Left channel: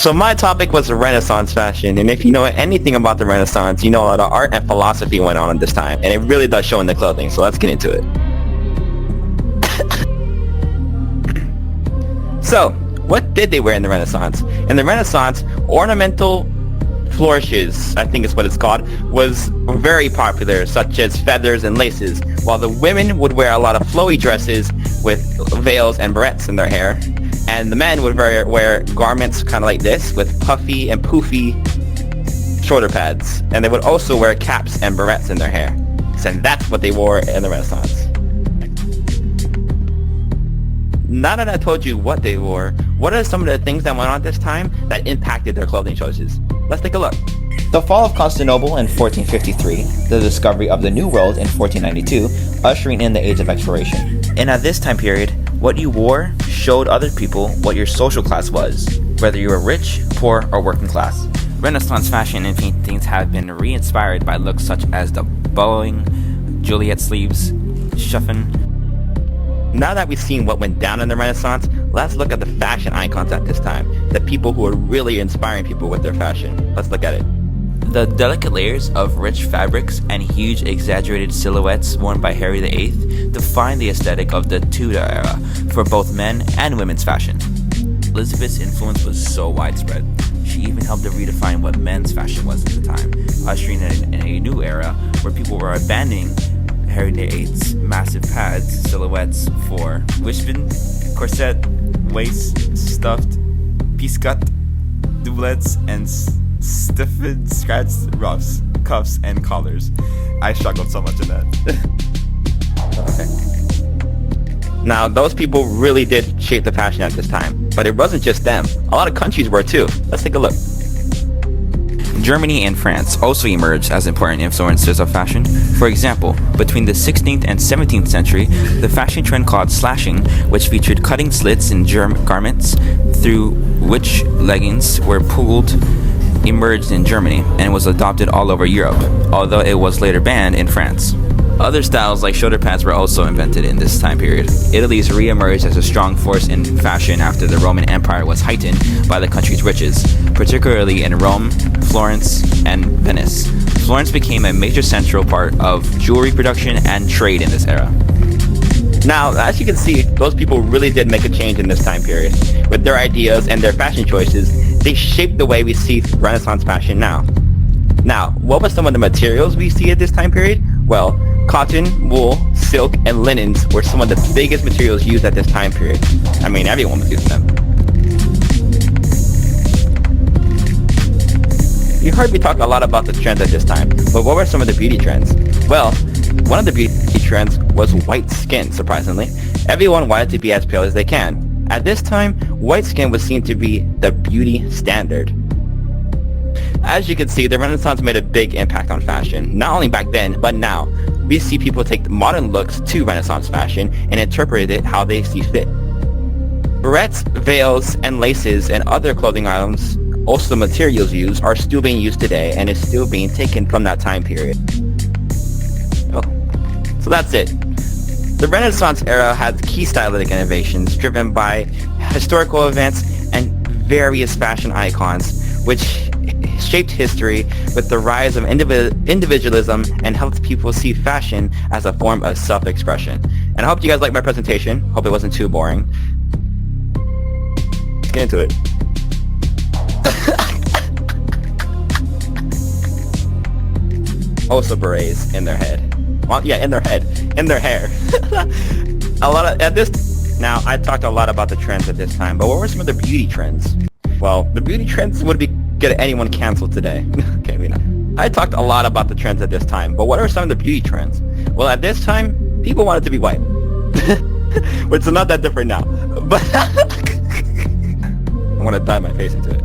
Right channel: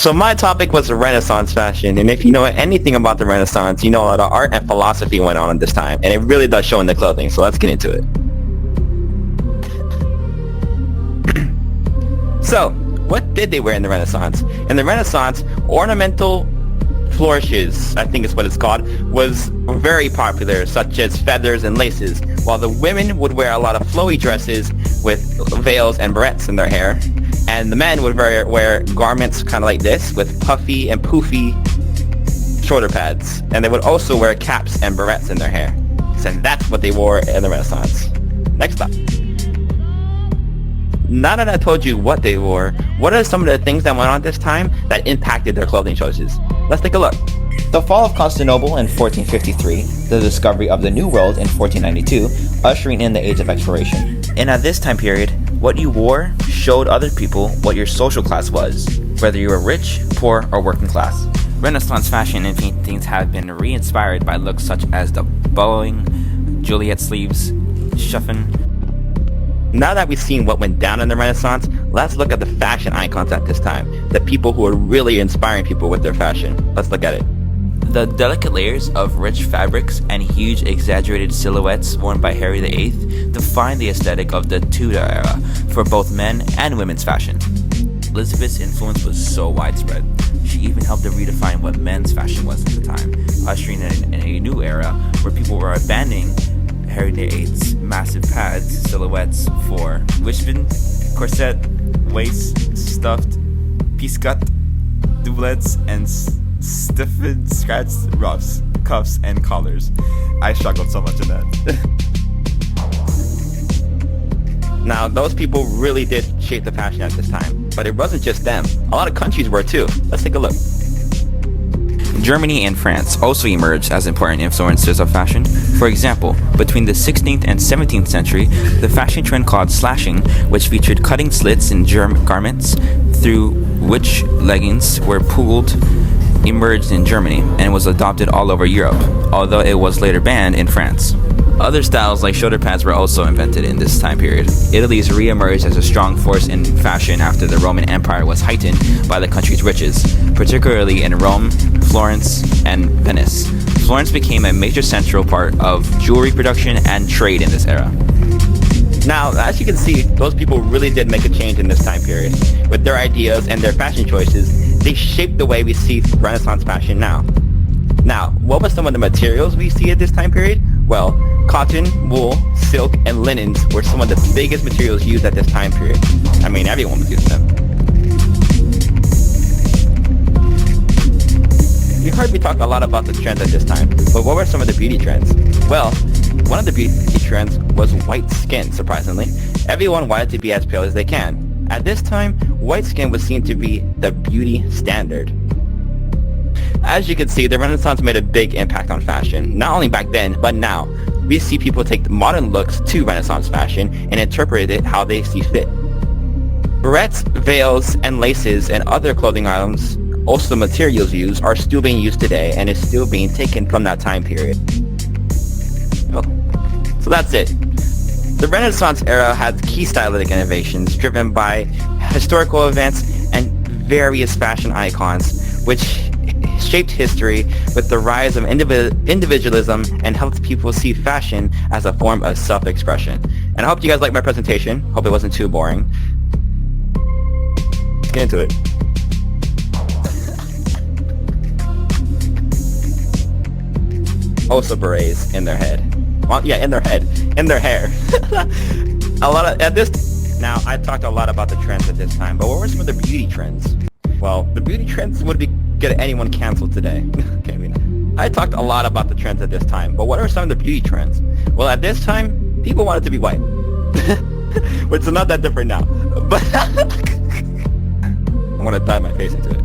So my topic was Renaissance fashion, and if you know anything about the Renaissance, you know a lot of art and philosophy went on at this time, and it really does show in the clothing, so let's get into it. So, what did they wear in the Renaissance? In the Renaissance, ornamental flourishes, I think is what it's called, was very popular, such as feathers and laces, while the women would wear a lot of flowy dresses with veils and barrettes in their hair. And the men would wear garments kind of like this with puffy and poofy shoulder pads. And they would also wear caps and barrettes in their hair. So that's what they wore in the Renaissance. Next up. Now that I told you what they wore, what are some of the things that went on at this time that impacted their clothing choices? Let's take a look. The fall of Constantinople in 1453, the discovery of the New World in 1492, ushering in the Age of Exploration. And at this time period, what you wore showed other people what your social class was, whether you were rich, poor, or working class. Renaissance fashion and paintings have been re-inspired by looks such as the bowing, Juliet sleeves, chiffon. Now that we've seen what went down in the Renaissance, let's look at the fashion icons at this time, the people who are really inspiring people with their fashion. Let's look at it. The delicate layers of rich fabrics and huge exaggerated silhouettes worn by Henry VIII define the aesthetic of the Tudor era for both men and women's fashion. Elizabeth's influence was so widespread, she even helped to redefine what men's fashion was at the time, ushering in a new era where people were abandoning Henry VIII's massive pads, silhouettes for wishbone, corset, waist, stuffed, piece-cut, doublets, and stiffened scratched ruffs, cuffs, and collars. I struggled so much in that. Now, those people really did shape the fashion at this time, but it wasn't just them. A lot of countries were too. Let's take a look. Germany and France also emerged as important influencers of fashion. For example, between the 16th and 17th century, the fashion trend called slashing, which featured cutting slits in garments through which leggings were pulled, emerged in Germany and was adopted all over Europe, although it was later banned in France. Other styles like shoulder pads were also invented in this time period. Italy's re-emerged as a strong force in fashion after the Roman Empire was heightened by the country's riches, particularly in Rome, Florence, and Venice. Florence became a major central part of jewelry production and trade in this era. Now, as you can see, those people really did make a change in this time period. With their ideas and their fashion choices, they shaped the way we see Renaissance fashion now. Now, what were some of the materials we see at this time period? Well, cotton, wool, silk, and linens were some of the biggest materials used at this time period. I mean, everyone was using them. You heard me talk a lot about the trends at this time, but what were some of the beauty trends? Well, one of the beauty trends was white skin, surprisingly. Everyone wanted to be as pale as they can. At this time, white skin was seen to be the beauty standard. As you can see, the Renaissance made a big impact on fashion, not only back then, but now. We see people take modern looks to Renaissance fashion and interpret it how they see fit. Barrettes, veils, and laces and other clothing items, also the materials used, are still being used today and is still being taken from that time period. So that's it. The Renaissance era had key stylistic innovations driven by historical events and various fashion icons, which shaped history with the rise of individualism and helped people see fashion as a form of self-expression. And I hope you guys liked my presentation. Hope it wasn't too boring. Let's get into it. Also berets in their head. Well, yeah, in their head. In their hair. Now, I talked a lot about the trends at this time, but what were some of the beauty trends? Well, the beauty trends would get anyone canceled today. Okay, I talked a lot about the trends at this time, but what are some of the beauty trends? Well, at this time, people wanted to be white. Which is not that different now. But I want to dye my face into it.